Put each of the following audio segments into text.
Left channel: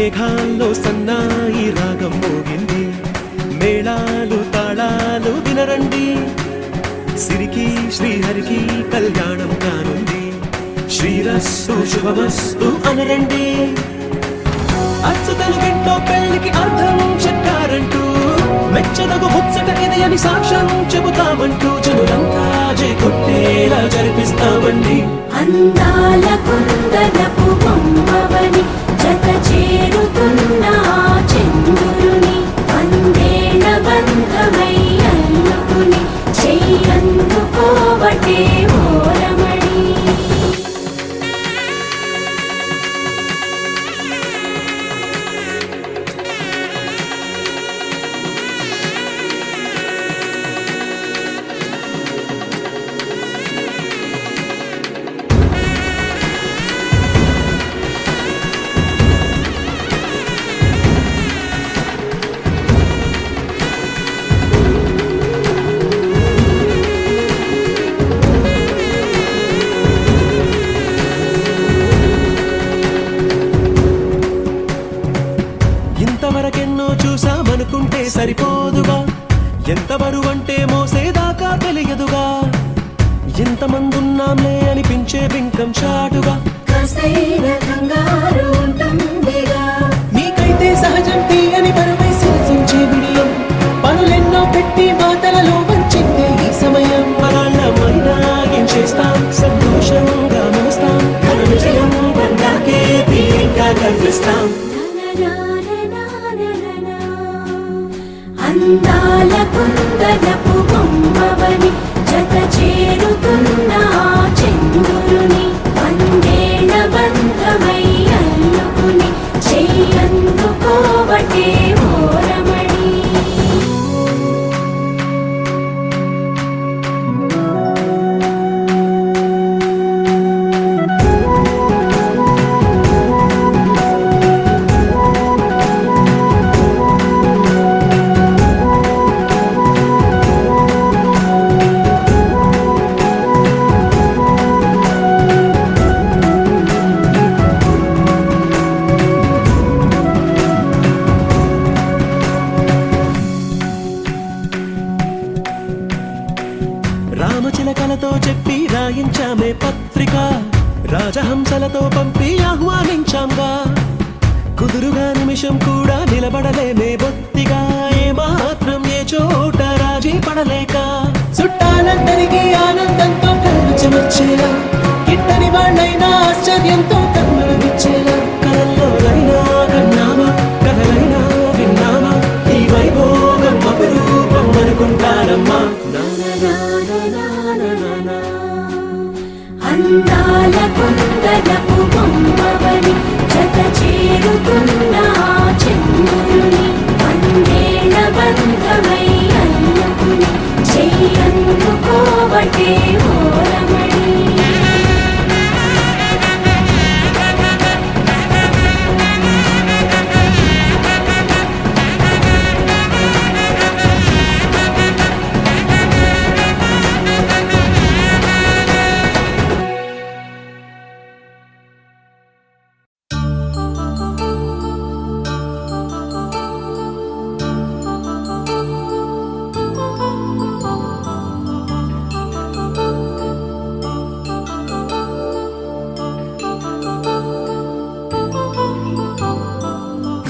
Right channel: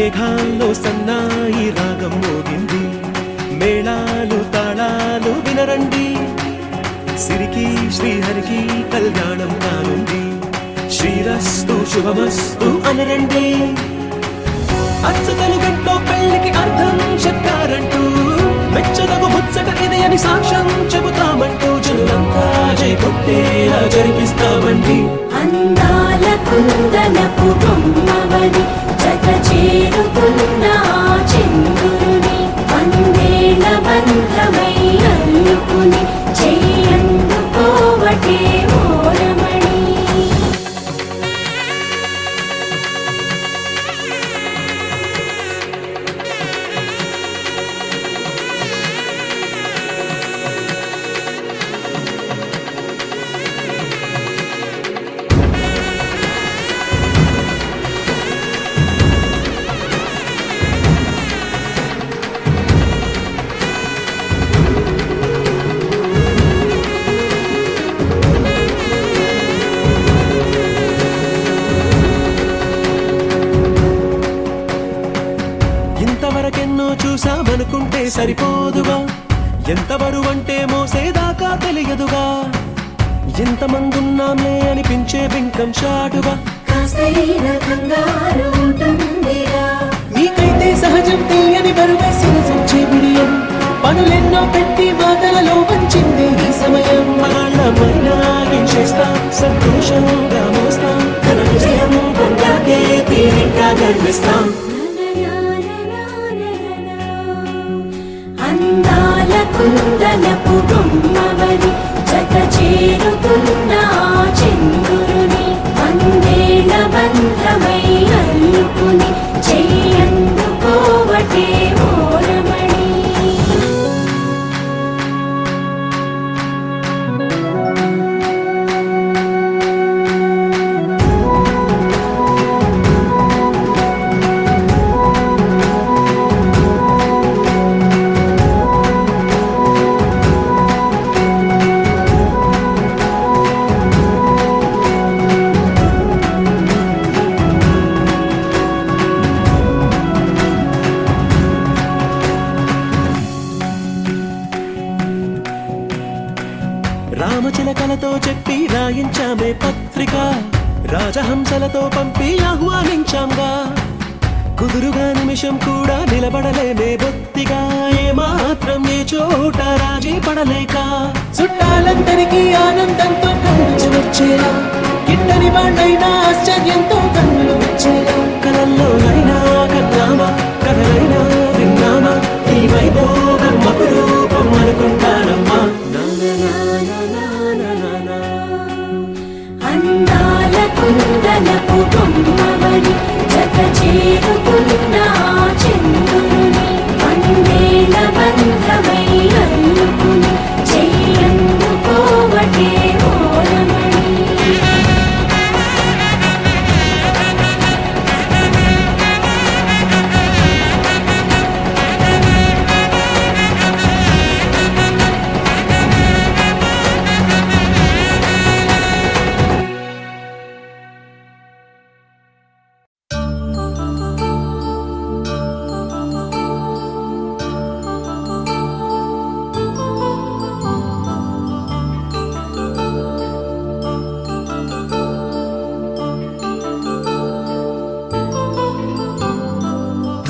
మేఘాల్లో సన్నాయి రాగం మోగింది, మేళాలు తాళాలు వినరండి, సిరికి శ్రీహరికి కళ్యాణం కానుంది, శ్రీరస్తు శుభమస్తు అనరండి. అచ్చతలు గంటో పెళ్లికి అర్థం చెప్పారంటూ, మెచ్చదగు ముచ్చట ఇది అని సాక్ష్యం చెబుతామంటూ, జనులంతా జై కొట్టేలా జరిపిస్తామండి. అందాల కుందనపు బొమ్మవని జత చేరుతున్న చంద్రుని, వందేల బంధమై అల్లుకుని చెయ్యందుకోవటే ఓరమణి. ఇంతవరకెన్నో చూసామనుకుంటే సరిపోదుగా, ఎంత బరువంటే మోసేదాకా తెలియదుగా, ఇంతమందున్నాంలే అనిపించే బింకం చాటుగా, కాస్తైన కంగారు ఉంటుందిగా. మీకైతే సహజం తీయని బరువై సిరిసంచే బిడియం, పనులెన్నో పెట్టి మాటలలో వంచిందే ఈ సమయం. మనాళ్ళమైనా ఏం చేస్తాం, సంతోషంగా మోస్తాం, ఘన విజయం పొందాకే తీరిగ్గా కనిపిస్తాం. అందాల కుందనపు బొమ్మవని జత చేరుతున్న చంద్రుని, వందేల బంధమై అల్లుకుని చెయ్యందుకోవటే ఓరమణి. రామచిలకలతో చెప్పి రాయించామే పత్రిక, రాజహంసలతో పంపి ఆహ్వానించాంగా, కుదురుగా నిమిషం కూడా నిలబడలేమే బొత్తిగా, ఏమాత్రం ఏ చోట రాజీ పడలేక, చుట్టాలందరికీ ఆనందంతో కళ్ళు చెమర్చేలా, గిట్టని వాళ్ళైనా ఆశ్చర్యంతో కన్నులు వచ్చేలా, కలల్లోనైనా కన్నామా కథలైనా విన్నామా, ఈ వైభోగం అపురూపం అనుకుంటానమ్మా. అందాల కుందనపు బొమ్మవని జత చేరుతున్న చంద్రుని, వందేల బంధమై అల్లుకుని చెయ్యందుకోవటే ఓరమణి.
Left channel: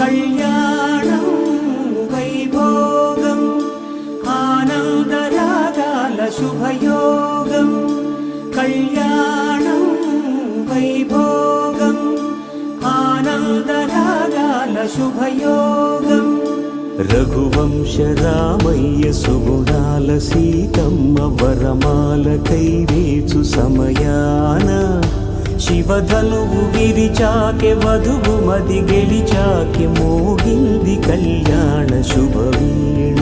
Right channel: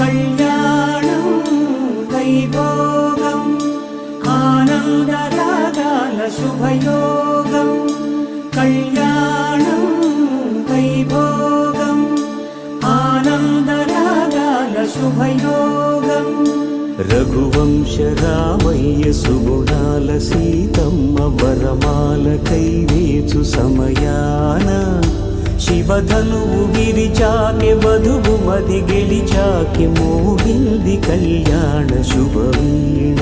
కళ్యాణం వైభోగం ఆనందరాగాల శుభయోగం, కళ్యాణం వైభోగం ఆనందరాగాల శుభయోగం. రఘువంశ రామయ్య సుగుణాల సీతమ్మ వరమాల కైవేచు సమయాన, శివధనువు విరిచాకె వధువు మది గెలిచాకె మోగింది కళ్యాణ శుభవీణ.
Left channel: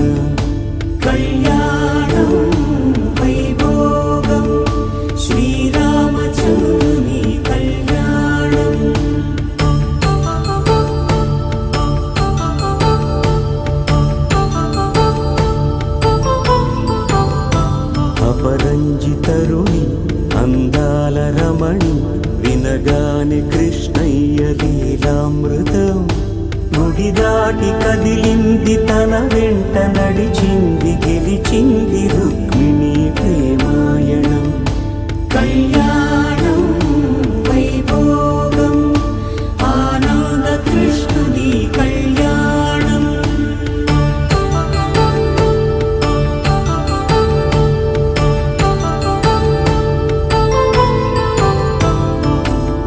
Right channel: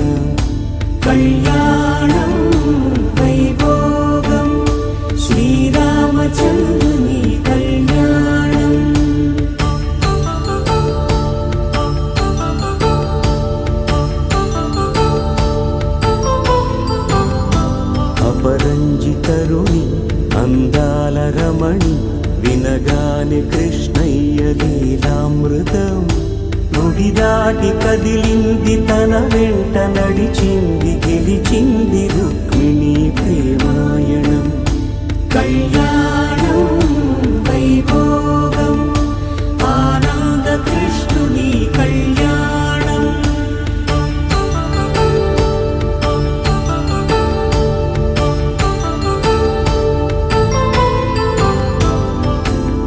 కళ్యాణం వైభోగం శ్రీరామచంద్రుని కళ్యాణం. అపరంజి తరుణి అందాల రమణి, వినగాని కృష్ణయ్య లీలామృతం, గుడి దాటి కదిలింది, తన వెంట నడిచింది, గెలిచింది రుక్మిణి ప్రేమాయణం. కళ్యాణం వైభోగం ఆనంద కృష్ణుని కళ్యాణం.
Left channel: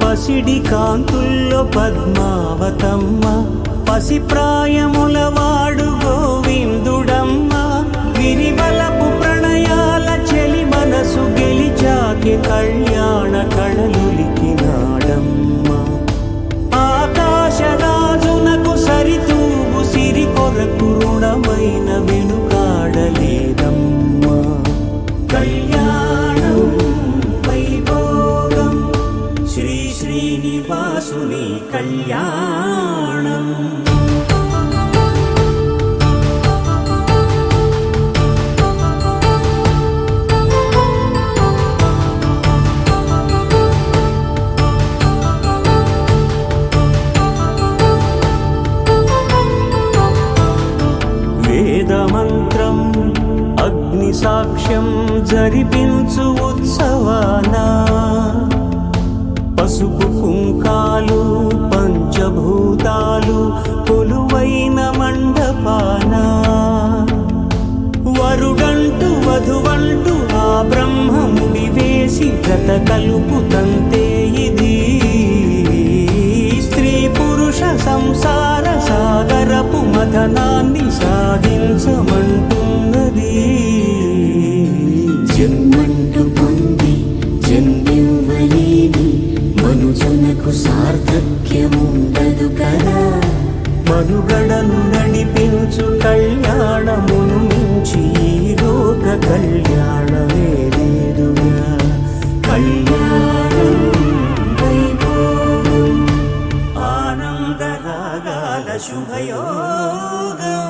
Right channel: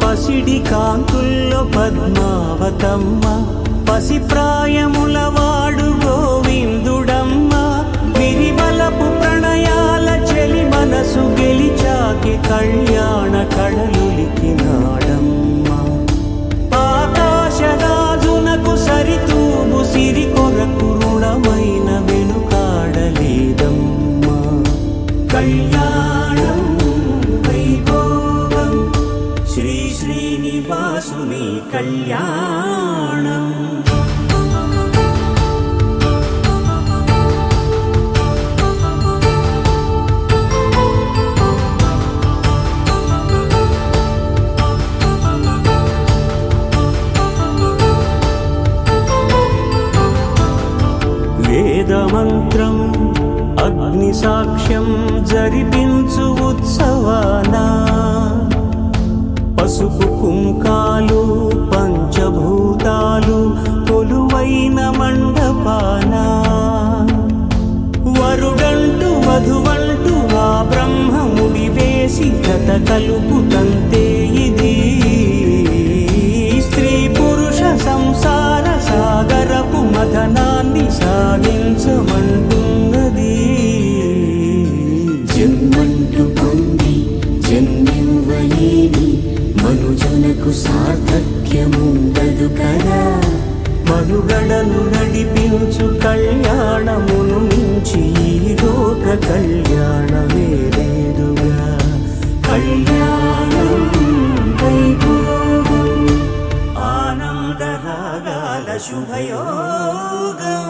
పసిడి కాంతుల్లో పద్మావతమ్మ, పసిప్రాయముల వాడు గోవిందుడమ్మ. విరివలపు ప్రణయాల చెలి మనసు గెలిచాకే కళ్యాణ కళలులికినాడమ్మ. ఆకాశరాజునకు సరితూగు సిరి కొరకు రుణమైన వెనుకాడలేదమ్మా. కళ్యాణం వైభోగం శ్రీ శ్రీనివాసుని కళ్యాణం. వేదమంత్రం అగ్ని సాక్ష్యం జరిపించు ఉత్సవానా, పసుపు కుంకాలు పంచభూతాలు కొలువైన మండపాన. వరుడంటూ వధువంటూ ఆ బ్రహ్మముడి వేసి జత కలుపుతంతే ఇది. స్త్రీ పురుష సంసార సాగరపు మథనాన్ని సాగించమంటున్నది. జన్మంటూ పొంది జన్మివ్వలేని మనుజునకు సార్థక్యముండదు కదా. మనుగడను నడిపించు కళ్యాణమును మించి ఈ లోక కళ్యాణమే లేదుగా. కళ్యాణం వైభోగం ఆనందరాగాల శుభయోగం.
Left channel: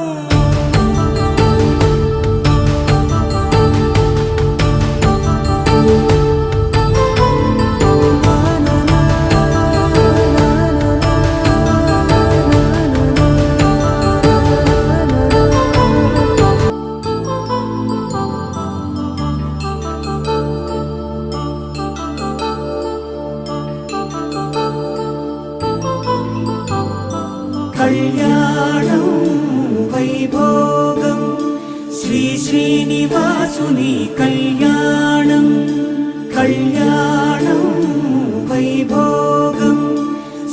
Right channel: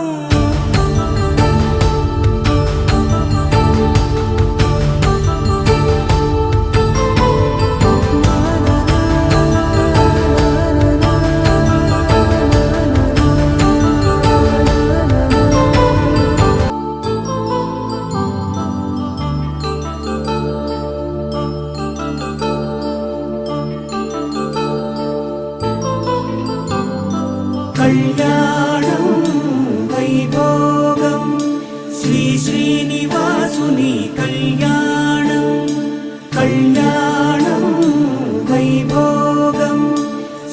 కళ్యాణం వైభోగం శ్రీ శ్రీనివాసుని కళ్యాణం. కళ్యాణం వైభోగం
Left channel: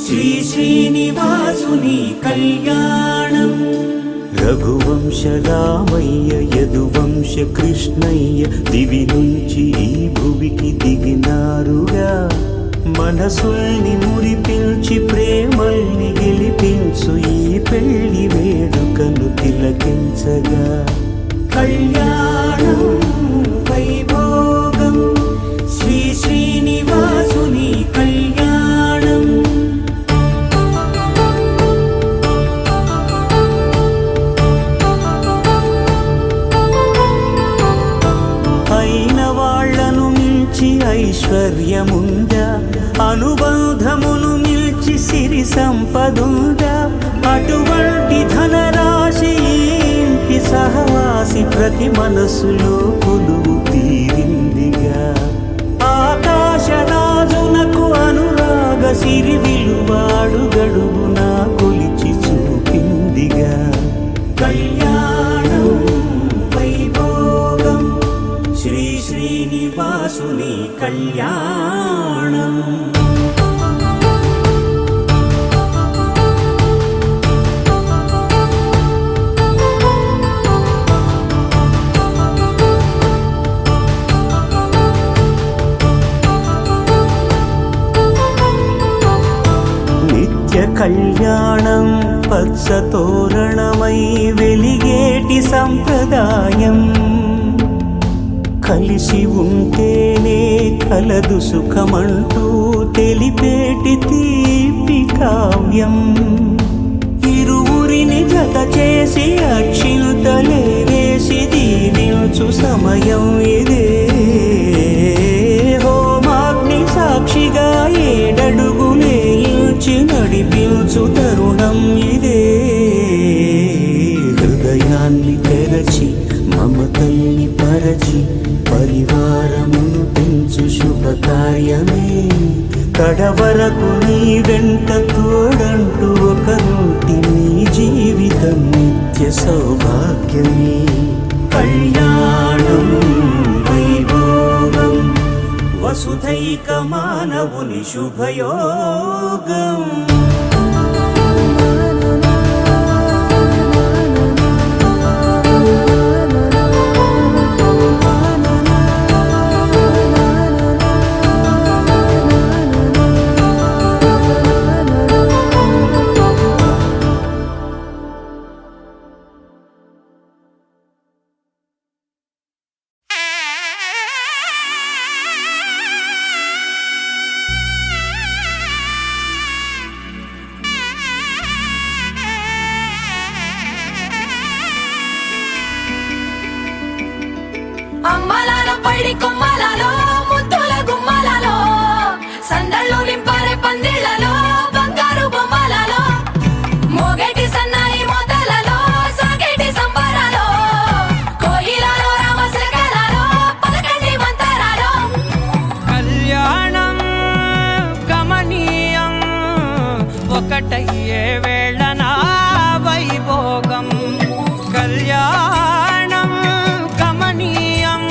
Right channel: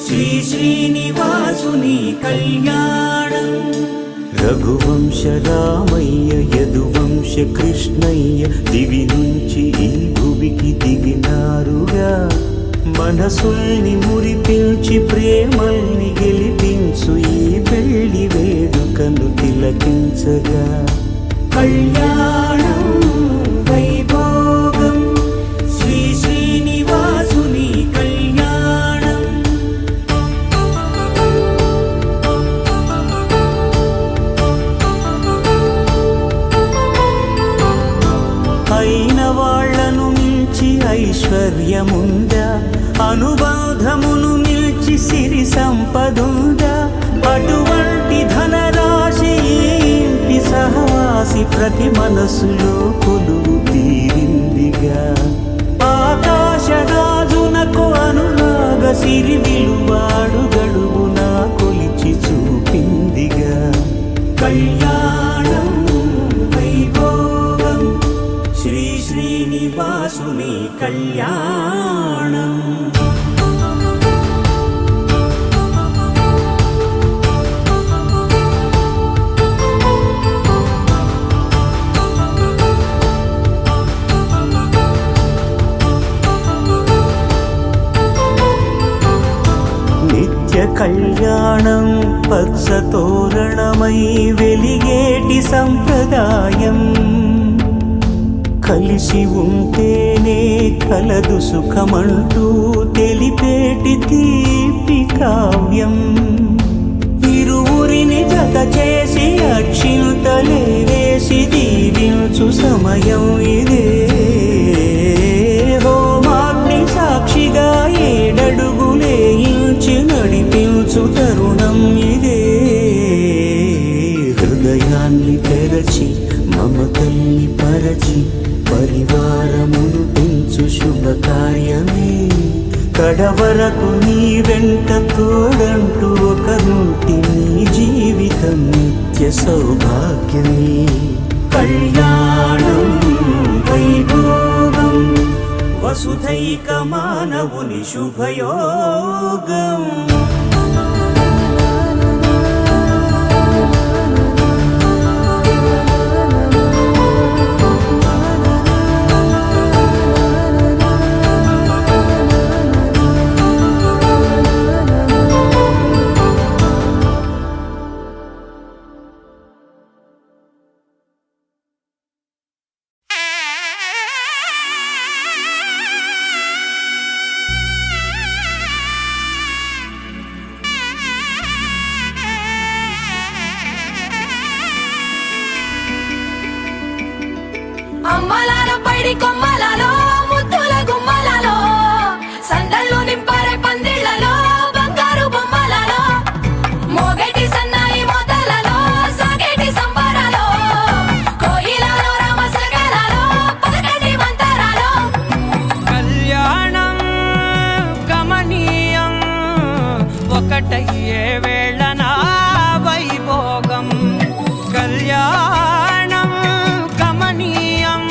శ్రీ శ్రీనివాసుని కళ్యాణం. రఘువంశ రామయ్య యదువంశ కృష్ణయ్య దివి నుంచి ఈ భువికి దిగినారుగా. మనసుల్ని మురిపించి ప్రేమల్ని గెలిపించు ఈ పెళ్లి వేడుకను తిలకించగా. కళ్యాణం వైభోగం శ్రీ శ్రీనివాసుని కళ్యాణం. అయిన వాళ్లను మించి ఐశ్వర్యముందా, అనుబంధమును నిల్చి సిరి సంపదుందా. అటువంటి ధనరాశి ఇంటి సహవాసి ప్రతి మనసులో కొలువు తీరిందిగా. ఆకాశరాజునకు అనురాగ సిరి విలువాడు గడువునా కొలిచి చూపిందిగా. కళ్యాణం వైభోగం శ్రీ శ్రీనివాసుని కళ్యాణం. నిత్య కళ్యాణం పచ్చ తోరణమై వెలిగేటి సంప్రదాయం. కలిసి ఉంటేనే కలదు సుఖమంటూ తెలిపేటి తీపి కావ్యం. ఇరువురిని జత చేసి అక్షింతలే వేసి దీవించు సమయం ఇదే. హోమాగ్ని సాక్షిగా ఏడడుగులే ఇంచి నడిపించు తరుణం ఇదే. హృదయాన్ని తెరచి మమతల్ని పరచి పరివారమును పెంచు శుభకార్యమే కడవరకు నీ వెంట తోడంటూ ఒకరుంటి నీ జీవితం నిత్య సౌభాగ్యమే కళ్యాణం వైభోగం వసుధైక మానవుని శుభయోగం అమ్మలాల పైడి కొమ్మలలో ముద్దుల గుమ్మలలో సందళ్ళు నింపరే పందిళ్లలో బంగారు బొమ్మలలో మోగేటి సన్నాయి మోతలలో సాగేటి సంబరాలో కోయిలలో రామశకలలో పలకటి మంతరాలో కళ్యాణం గమనీయం ఒకటయ్యే వేళ నా వైభోగం కళ్యాణం గమనీయం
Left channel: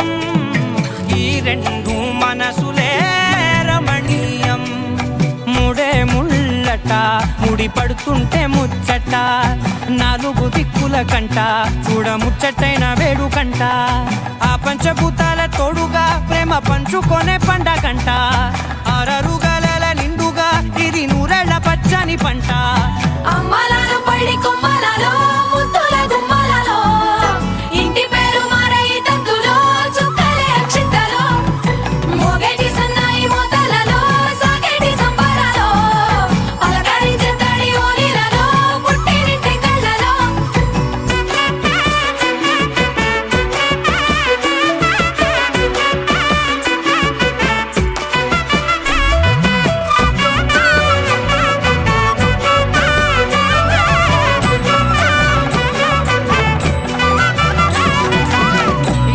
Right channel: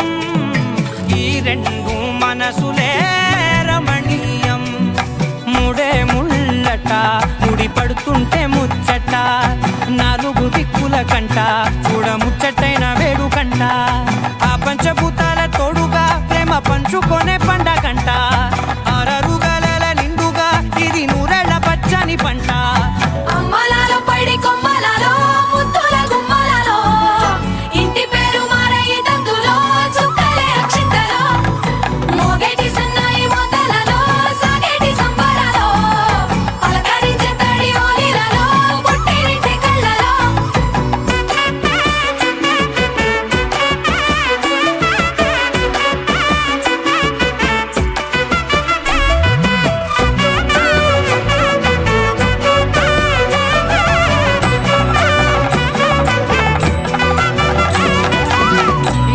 ఈ రెండు మనసులే రమణీయం ముడే ముళ్ళట ముడి పడుతుంటే ముచ్చట నాలుగు దిక్కుల కంట చూడ ముచ్చటైన వేడుకంట ఆ పంచభూతాల తోడుగా ప్రేమ పంచుకొనే పండగంట ఆరరుగల నిండుగా ఇది నూరెళ్ళ పచ్చని పంట అమ్మలాల పైడి కొమ్మలలో ముద్దుల గుమ్మలలో ఇంటి పేరు మారయి తందులో చుక్కలే అక్షింతలో మోగేటి సన్నాయి మోతలలో సాగేటి సంబరాలో పలకరించే తడి ఓలిలలో పుట్టినింటి కళ్ళలో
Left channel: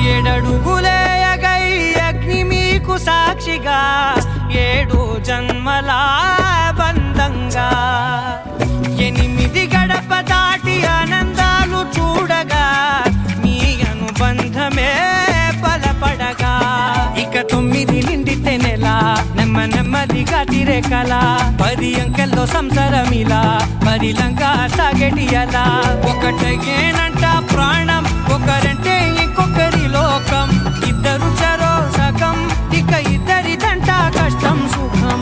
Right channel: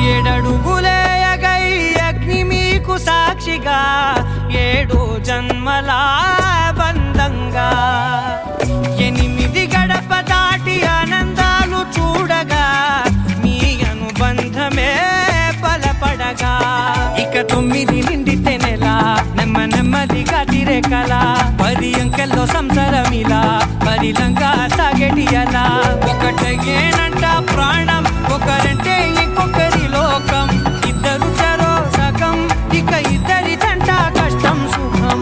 ఏడడుగులే ఎగై అగ్ని మీకు సాక్షిగా ఏడు జన్మల బంధంగా ఎనిమిది గడప దాటి ఆనందాలు చూడగా మీ అనుబంధమే బలపడగా ఇక 9 నిండితే నెల నెమ్మదిగా తిరేకల 10 అంకెల్లో సంసారమిలా పరిలంగా సాగేటి అలా ఒకటేనంట ప్రాణం ఒకరంటే ఇంకొకరి లోకం ఇద్దరు చరో సగం ఇక ఇద్దరిదంట కష్టం సుఖం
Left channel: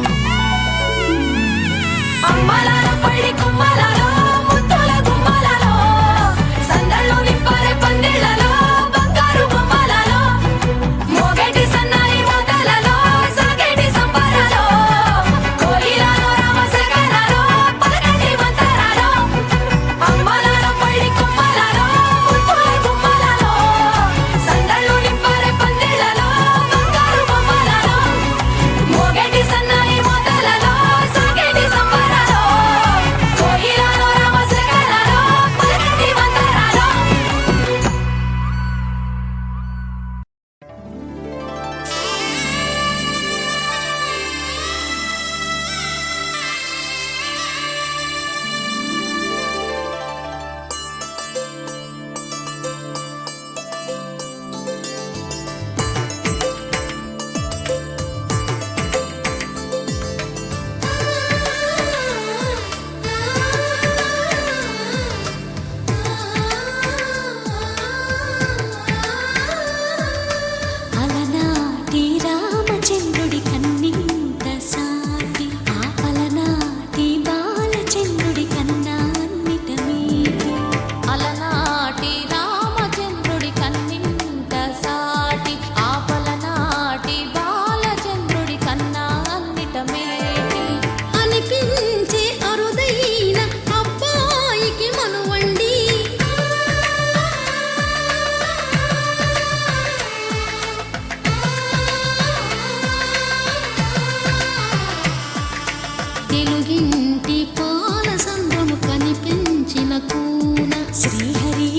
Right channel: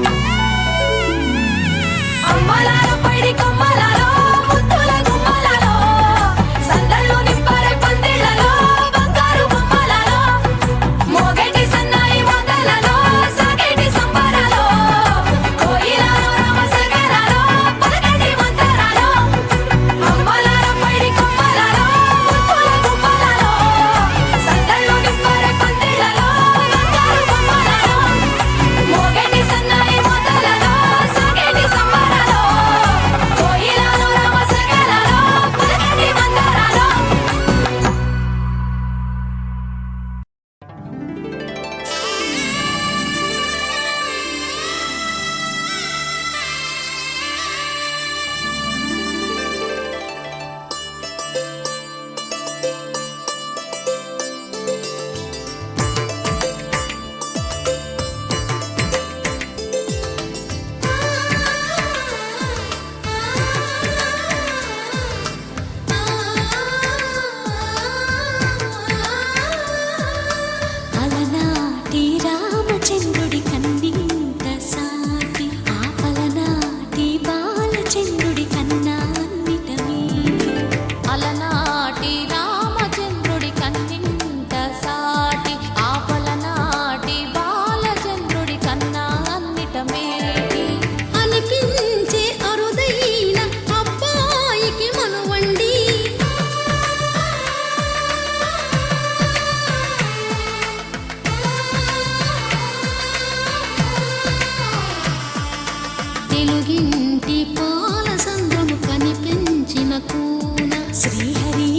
అమ్మలాల పైడి కొమ్మలలో ముద్దుల గుమ్మలలో సందళ్ళు నింపరే పందిళ్లలో బంగారు బొమ్మలలో మోగేటి సన్నాయి మోతలలో సాగేటి సంబరాలో కోయిలలో రామశకలలో పలకటి మంతరాలో అమ్మలాల పైడి కొమ్మలలో ముద్దుల గుమ్మలలో సందళ్ళు నింపరే పందిళ్లలో బంగారు బొమ్మలలో మోగేటి సన్నాయి మోతలలో సాగేటి సంబరాలో కోయిలలో రామశకలలో పలకటి మంతరాలో అలనాటి రామచంద్రుడి కన్నింత సాటి ఆపలనాటి బాలచంద్రుడి కన్నా అన్నిట మీది అలనాటి రామచంద్రుడి కన్నింత సాటి ఆపలనాటి బాలచంద్రుడి కన్నా అన్నిట మేటి అనిపించే అరుదైన అబ్బాయికి మనువండి తెలుగింటి పాల సంద్రము కనిపించిన కూన శ్రీహరి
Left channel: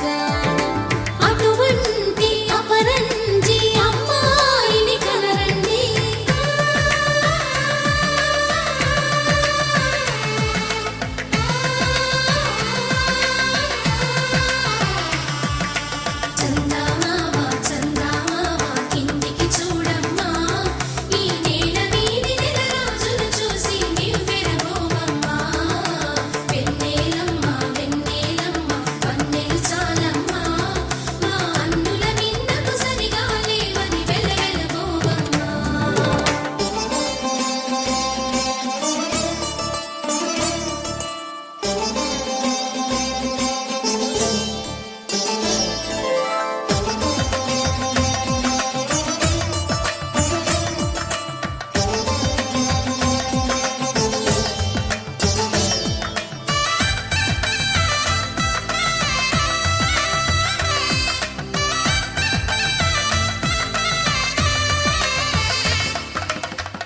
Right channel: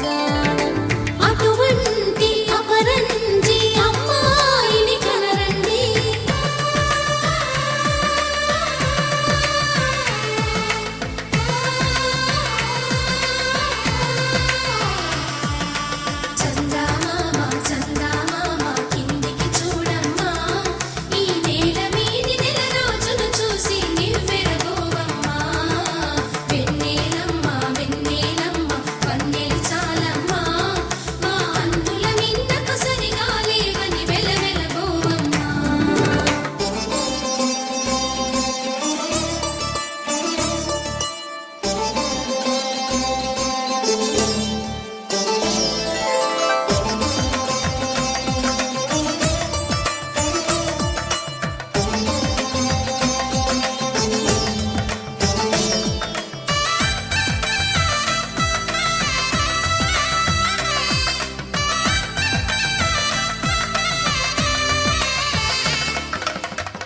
జాన అటువంటి అపరంజి అమ్మాయిని కనరండి. చందమామ చందమామ కిందికి చూడమ్మా, ఈ నేల వీధి నెల రోజులు చూసి నివ్వెరపోవమ్మా. వెన్నెలమ్మ వెన్నెలమ్మ వన్నెలు చాలమ్మా, మా అందుల నిన్నకు సరిగా లేవని వెలవెలబోవమ్మా.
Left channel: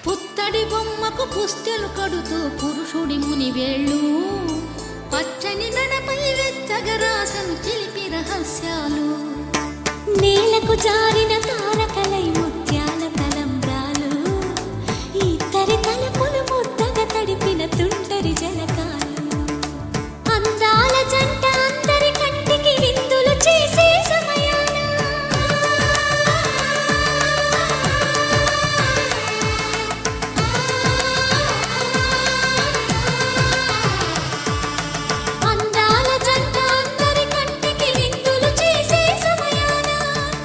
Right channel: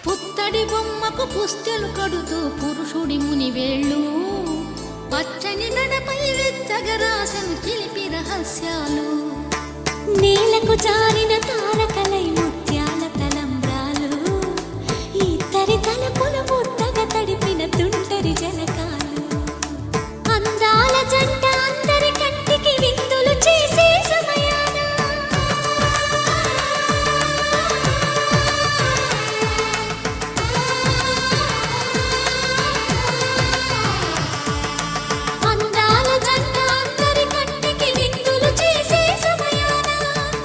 పుత్తడి బొమ్మకు పుస్తెలు కడుతూ పురుషుడి ముని వేళ్ళు, పచ్చని నడపై వెచ్చగరాసను చిలిపి రహస్యాలు. నేలకు జారిన తారకలై ముత్యాల తలంబ్రాలు, ఇద్దరి తలపులు ముద్దగా తడిపిన తుంటరి జలకాలు. అందాల జంట అందరి కంటికి విందులు చేసే సమయాన అందాల జంట అందరి కంటికి విందులు చేసే సమయాన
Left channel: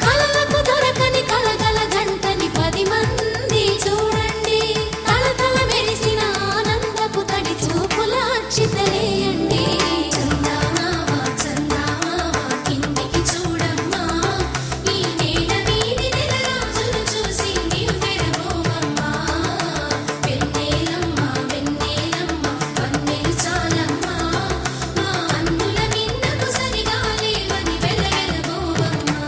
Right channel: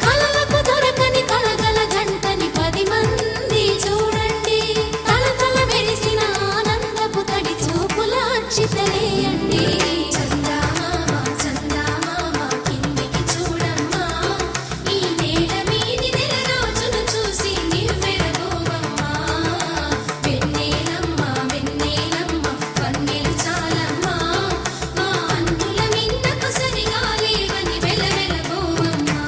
కలలకు దొరకని కలగల జంటని 10 మంది చూడండి. తలతల మెరిసిన ఆనందపు తడి చూపుల అక్షితలేయండి. చందమామ చందమామ కిందికి చూడమ్మా, ఈ నేల వీధి నెల రోజులు చూసి నివ్వెరపోవమ్మా. వెన్నెలమ్మ వెన్నెలమ్మ వన్నెలు చాలమ్మా, మా అందుల నిన్నకు సరిగా లేవని వెలవెలబోవమ్మా.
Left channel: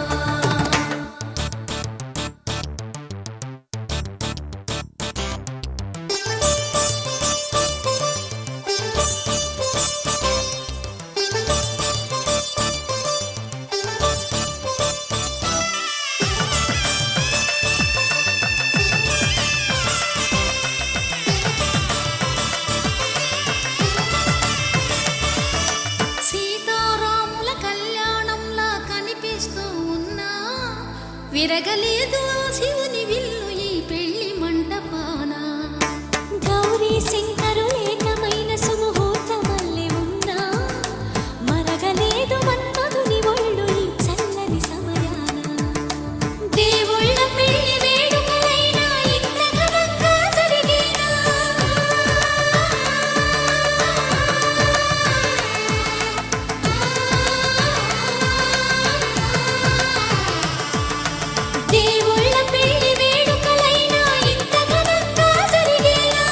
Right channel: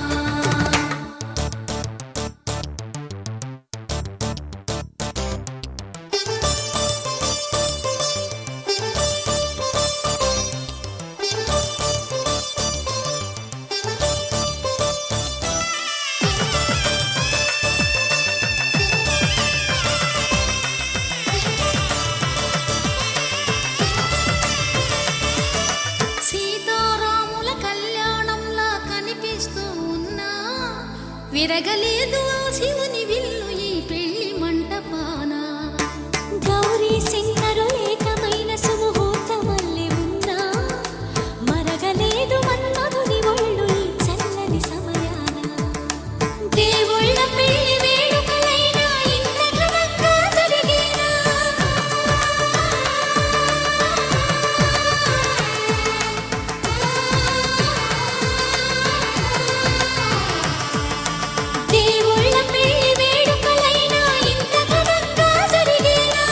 సీతారాముల కళ్యాణంలా కనిపిస్తూ ఉన్నా, విరగలేదు ఆ శివుని విల్లు ఈ పెళ్లి మంటపాన. గౌరీ శంకరు ఏకమైన సుముహూర్తమల్లె ఉన్నా, మరగలేదు మన్మధుని ఒళ్ళు ఈ చల్లని సమయాన. దేవుళ్ళ పెళ్లి వేడుకలైనా ఇంత ఘనంగా జరిగేనా? దేవుళ్ళ పెళ్లి వేడుకలైనా ఇంత ఘనంగా జరిగేనా?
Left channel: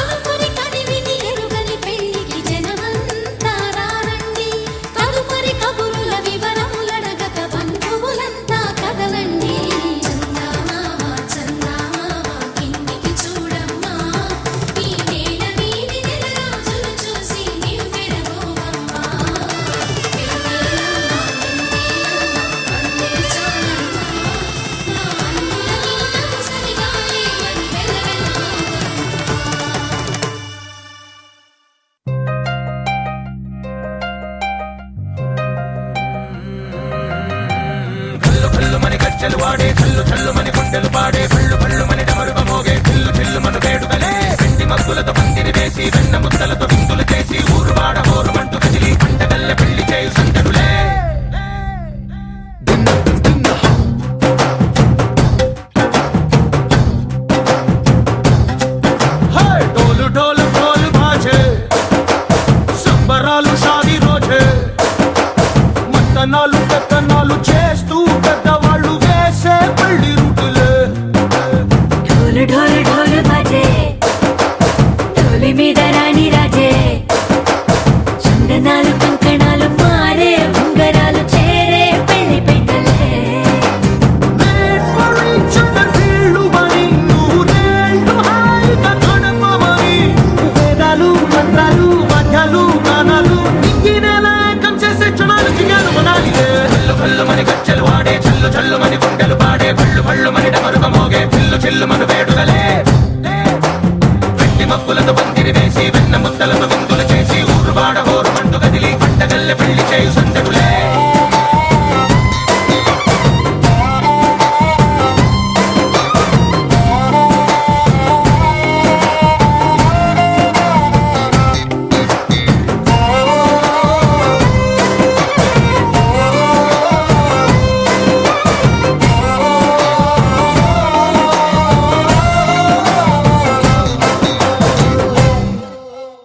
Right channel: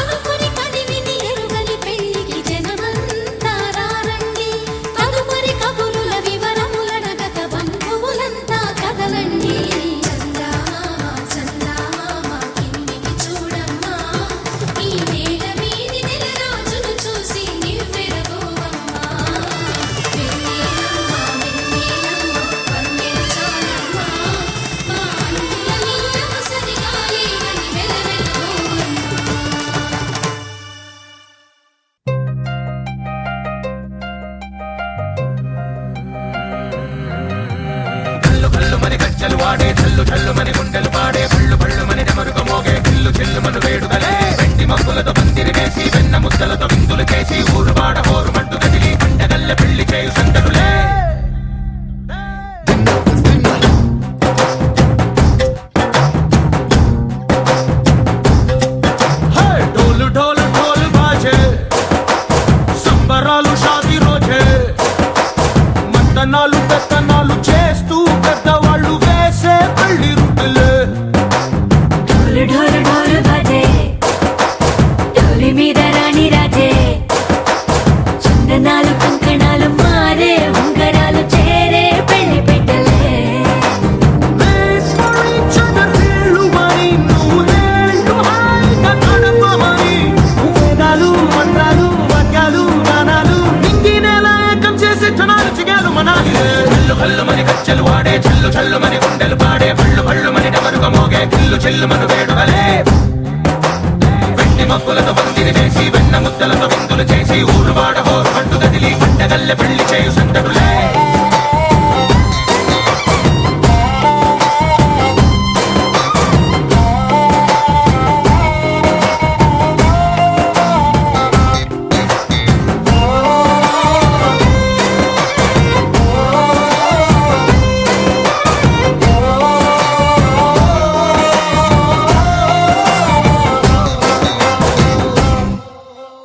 అనుకుని కనివిని ఎరుగని పెళ్లికి జనమంతా రారండి. తదుపరి కబురుల వివరములడగక బంధువులంతా కదలండి. చందమామ చందమామ కిందికి చూడమ్మా, ఈ నేల వీధి నెల రోజులు చూసి నివ్వెరపోవమ్మా. వెన్నెలమ్మ వెన్నెలమ్మ వన్నెలు చాలమ్మా, మా అందుల నిన్నకు సరిగా లేవని వెలవెలబోవమ్మా. కల్లు కల్లు మని గజ్జలు వాడే కల్లు కల్లు మని గుండెలు పాడే కళ్ళు కళ్ళు మని డమరుగ మోగే చిల్లు చిల్లు మన వేడుకలే వెండి మబ్బులతో పందిరి వేసి వెన్న ముద్దలతో విందులు చేసి ఊరు వాడ ఊరు మంటు కదిలి పంటగల్లె పెళ్లి చేయు సందడులే. హే! డోలు డోలు డోలు బాజే సంబరాలు షాదీ రోజే, మంతనాలు పెత్తనాలు చేస్తూ పెద్దవాళ్ళు వేసే పెళ్లి రుటులే. ढोल ढोल ढोल बाजे, ढोली మీద రాణి రాజే, చిన్నదాలు కంకణాలు పారే ఉంగరాలు చేరే పెళ్లి పెట్టలే. Let's for each other వీళ్ళు మరి నూరేళ్ళు హాయిగా గడపమని వేదాలు మంత్రాలు వాక్యాలు గానాలు నింగి నేల ఏకం చేసే క్షణాలు పుణ్యాలు మనాలిలే కళ్ళు కళ్ళు మని గచ్చెలు వాడే చల్లు చల్లు మని గుండెలు పాడే పళ్ళు పళ్ళు మని డమరుగ మోగే పిల్లు చెల్లు మన వేడుకలే వెండి మబ్బులతో పందిరి వేసి వెన్న ముద్దలతో విందులు చేసి ఊరు వాడ హోరు మంటు గదిలి పంటగల్లె పెళ్లి చేయు సంతడులే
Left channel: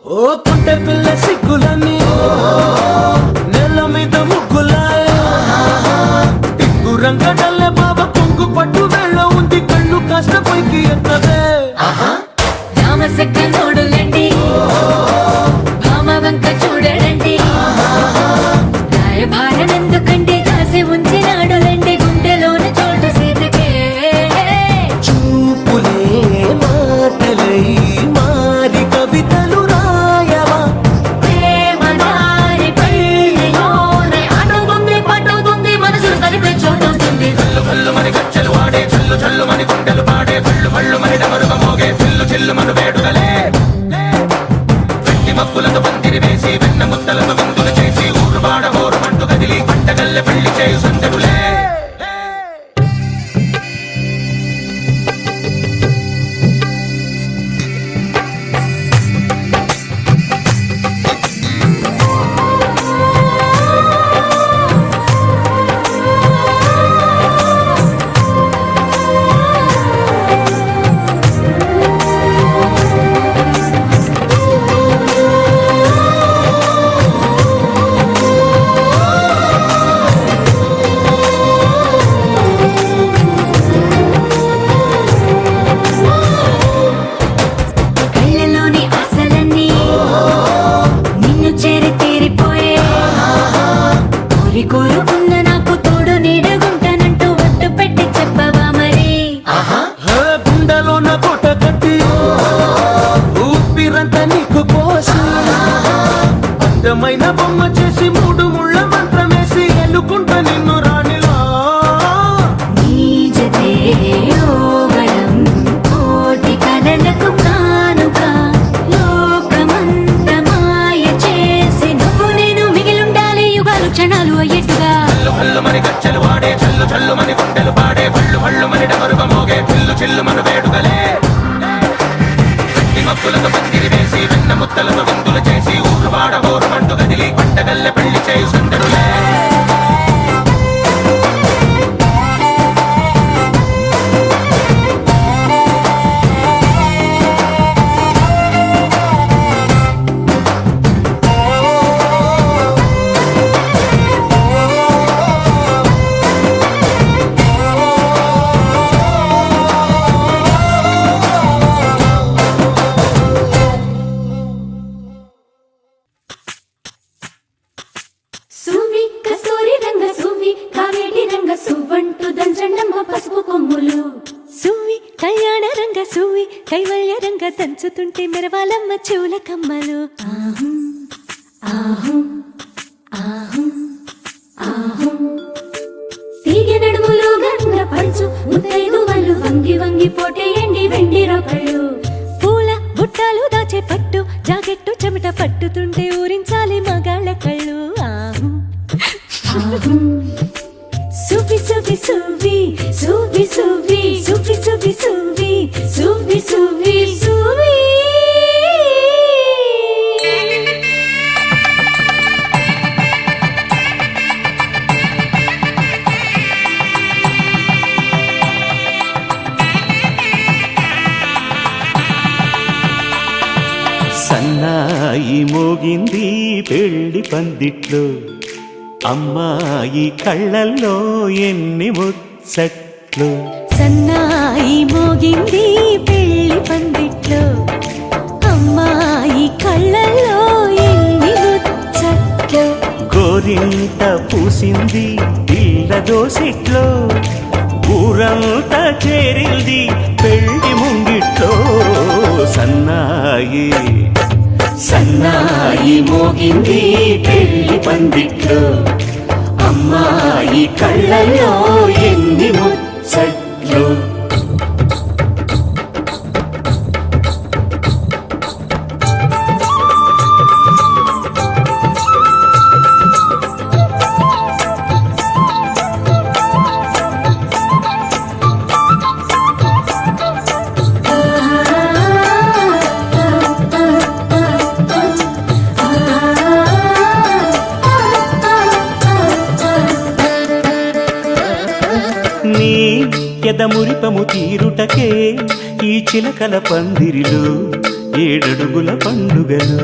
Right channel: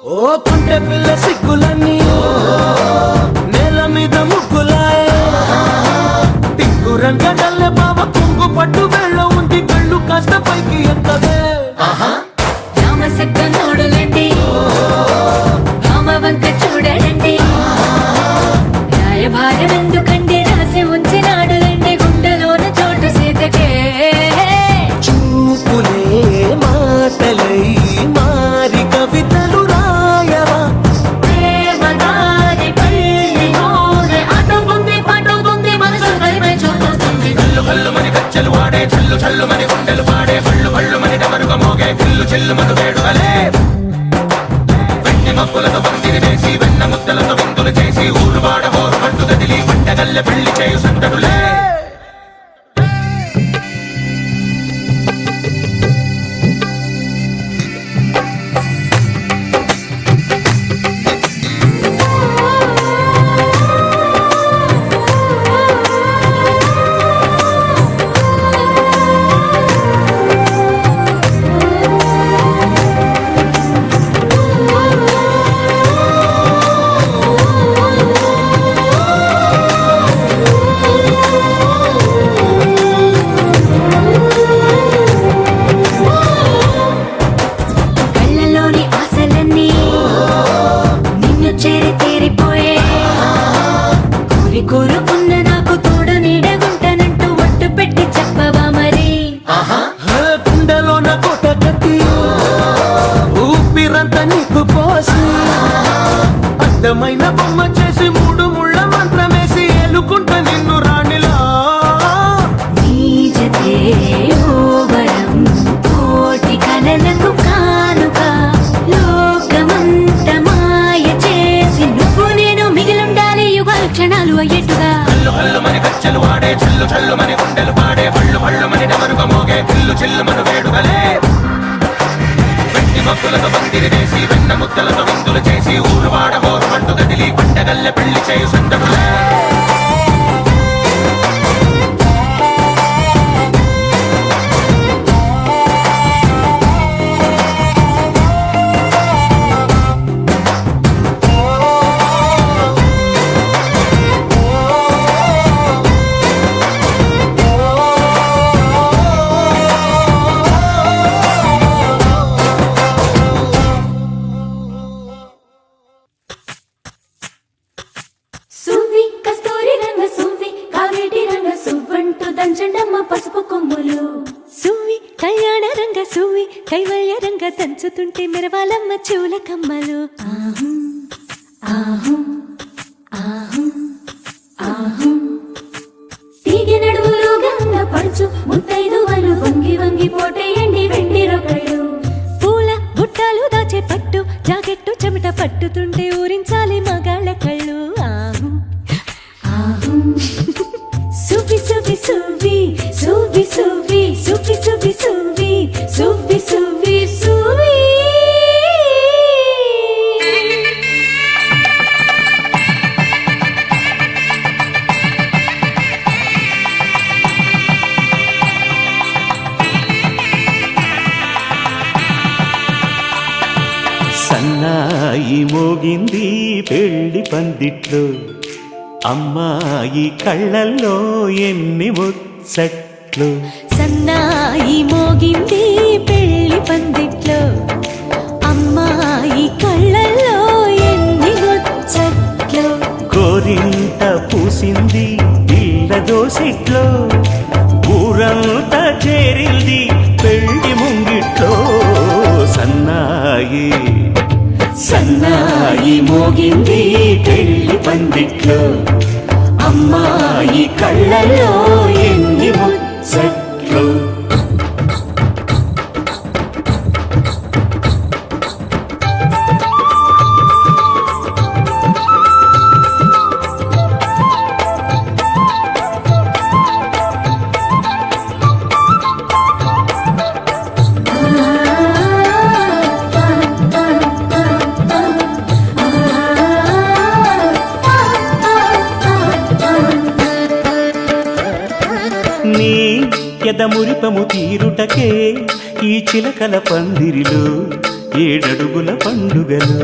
ఓ పుంటె పిల్ల సిక్కులన్నీ నేల మీద ముగ్గులాయ టింగు రంగడల్లె బాబా కొంగు పట్టు వెళ్ళ ఉంది కళ్ళు కాస్త పైకి ఎత్తదే రామసక్క నోడులండి భామ వంక చూడడండి రాయభారం ఎందుకండి రాసి ఉంచినాడు రండి గుండెలోన చోటు సీతకే చూపులే మాటలై మారి కవితలు రాయవా ప్రేమ దారి కళ్ళలోనే అడుగుంది పడుగుంది మనసు తనిపై చూడుతుంది కళ్ళు కళ్ళు మని గచ్చెలు వాడే చల్లు చల్లు మని గుండెలు పాడే పళ్ళు పళ్ళు మని డమరుగ మోగే పిల్లు చెల్లు మన వేడుకలే వెండి మబ్బులతో పందిరి వేసి వెన్న ముద్దలతో విందులు చేసి ఊరు వాడ హోరు మంటు గదిలి పంటగల్లె పెళ్లి చేయు సంతడులే కళ్ళలోని ఆశలన్నీ నిన్ను చేరి తీరిపోయే కోరి కోరుకున్న నాకు తోడు నీడగుంటానంటూ ఒట్టు పెట్టి చెప్పవా మరి గుండెలోన కోట కట్టి ఊపిరంతా నీకు పోసి అందమైన బొమ్మ చేసి మూడు ముళ్ళ మంత్రమేసి ఎలుకుంట నిన్ను రాణిలా నీజతే యోవరం కోటి కలలకు కానుక లోకమంత మాయ చేసి నువ్వు నేను మిగిలుండాలి యుగాలు క్షణాలు అయ్యేట్టుగా కళ్ళు కళ్ళు మని గచ్చెలు వాడే చల్లు చల్లు మని గుండెలు పాడే పళ్ళు పళ్ళు మని డమరుగ మోగే పిల్లు చెల్లు మన వేడుకలే వెండి మబ్బులతో పందిరి వేసి వెన్న ముద్దలతో విందులు చేసి ఊరు వాడ హోరు మంటు గదిలి పంటగల్లె పెళ్లి చేయు సంతడులే సువ్వి కస్తూరి రంగ సువ్వి కావేటి రంగ సువ్వంటూ దంచండమ్మ పసుపు కొమ్ములు సువ్వి కళ్యాణ రంగ సువ్వి కైవల్య రంగ దంచుతుంటే మెరవాలమ్మ చెవుల కమ్మలు ఆహుం ఆహుం ఆహుం ఆహుం తీగె నడుములు గంగ పంచు ముత్తైదువలు వంగి వంగి పోటేయండి వెండి రొకళ్ళు పూల బుట్టాలు దాచే పట్టు జాకెట్టు చెమట పట్టుతుంటే ఊరించాలి మగాళ్ళ కళ్ళు ఆహు ఆహుం సువ్వి సువ్వి సువ్వి సువ్వి సువ్వి సువ్వి సువ్వి సువ్వి సువ్వి సువ్వి సువ్వి సన్నాయి మోగింది పెళ్లి పందిట్లో అమ్మాయి కళ్ళల్లో ఎన్ని ముచ్చట్లు సన్నాయి మోగింది పెళ్లి పందిట్లో అమ్మాయి కళ్ళల్లో ఎన్ని ముచ్చట్లు గోరింట పూసింది పిల్ల దోసిట్లో ఊరంతా చేరింది పెళ్లి ముంగిట్లో సన్నాయి సన్నాయి మోగింది పెళ్లి పందిట్లో అమ్మాయి కళ్ళల్లో ఎన్ని ముచ్చట్లు. నీ ఎదమురిపము తీరుటకే ఈ చిలకల పందిరిలో ఏడడుగుల పండుగలు.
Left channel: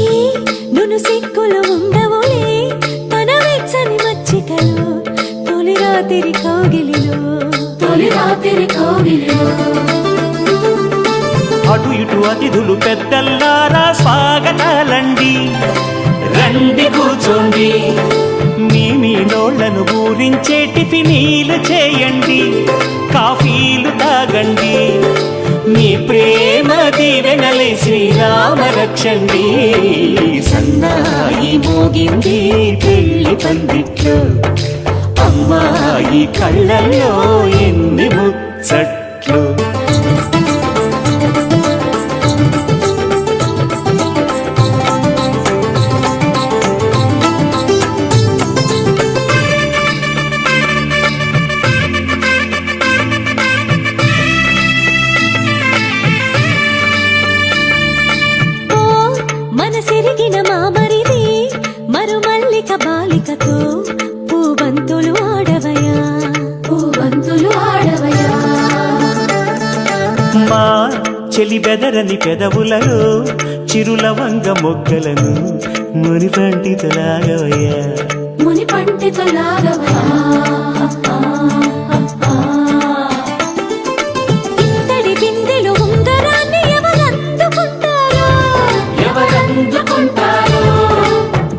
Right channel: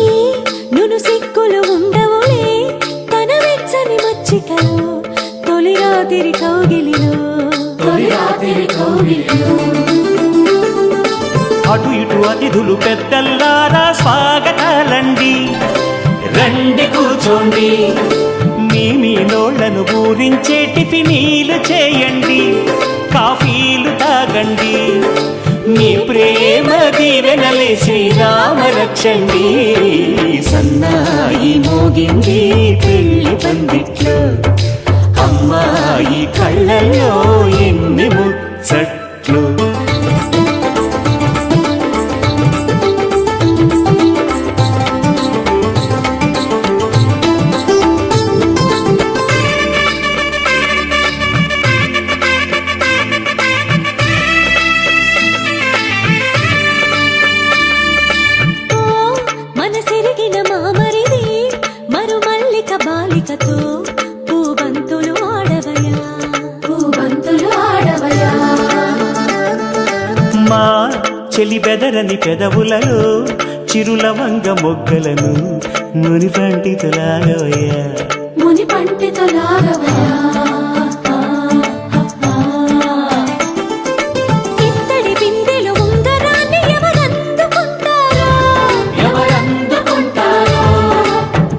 ఈ నును సిక్కులు ఉండవులే తన వెచ్చని మచ్చికలు తొలి రాత్రి కోగిలిలో అటు ఇటు అతిథులు పెద్దల్లారా స్వాగతాలండి, రండి కూర్చోండి, మీ నోళ్లను పూరించే టిఫినీలు చేయండి, కాఫీలు తాగండి, మీ ప్రేమ దీవెనలే శ్రీరామ రక్షండి. సన్నాయి మోగింది పెళ్లి పందిట్లో, అమ్మాయి కళ్ళల్లో ఎన్ని ముచ్చట్లు. మనసిరిగిన మామరిది మరుమల్లిక బాలికతో పూబంతులు ఆడవయా. మా చెలి బెదరని పెదవులలో చిరులవంగ మొగ్గలను మునిపంటితో లాగవయ్యా. ఇంతటి బిందెలో ఉంగరాన్ని ఎవరందుకుంటారో?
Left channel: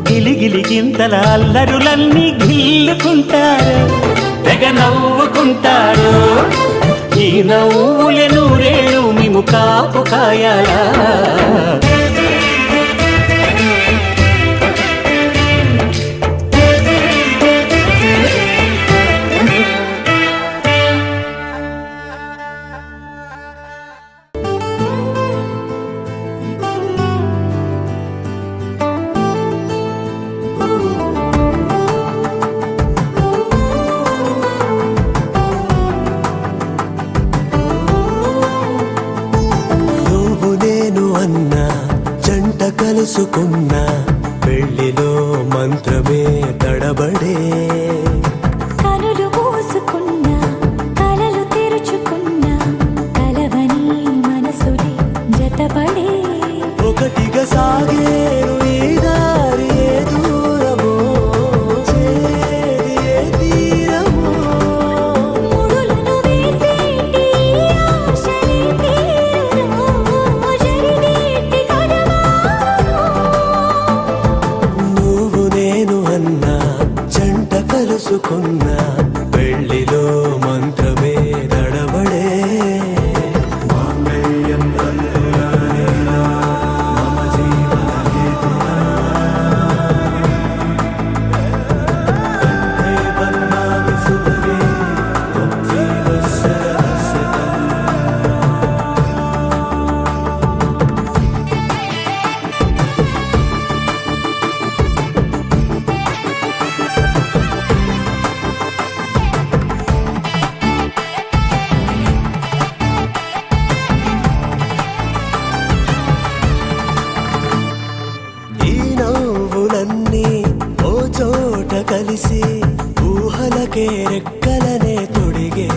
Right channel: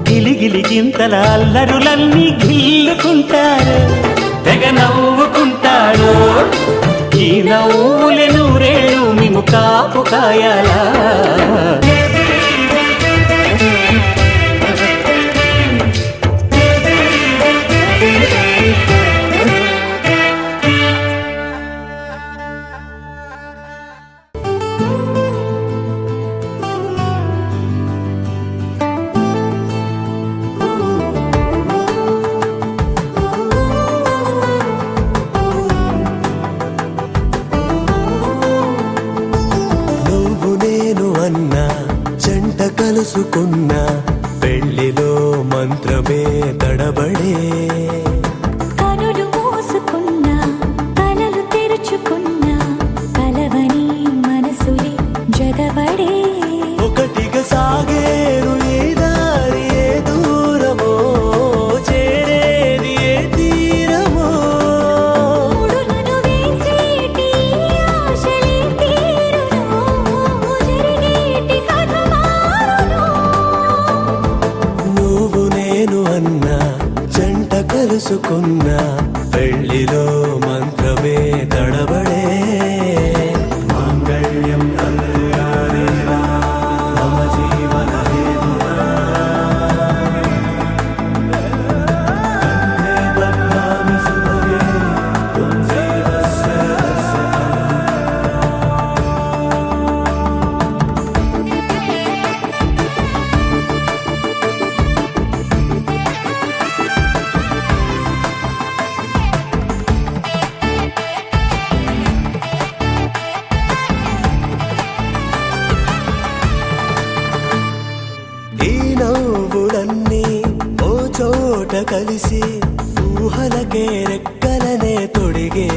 గిలిగిలి గింతల అల్లరులన్నీ గిల్లుకుంటారు, తెగ నవ్వుకుంటారు. ఈ నవ్వులే నూరేళ్ళు మిము కాపు కాయాలా. కనులు మూసుకున్నా కలలు తెరుచుకున్నా కలవని మనసులే జతబడే. ముడులను వేసేటి ఆశలే తీరును జరినేటి గడవారును. నవ్వులన్నీ ఓ చోట కలిసి ఊహలకే రెక్కలనే తొడిగే.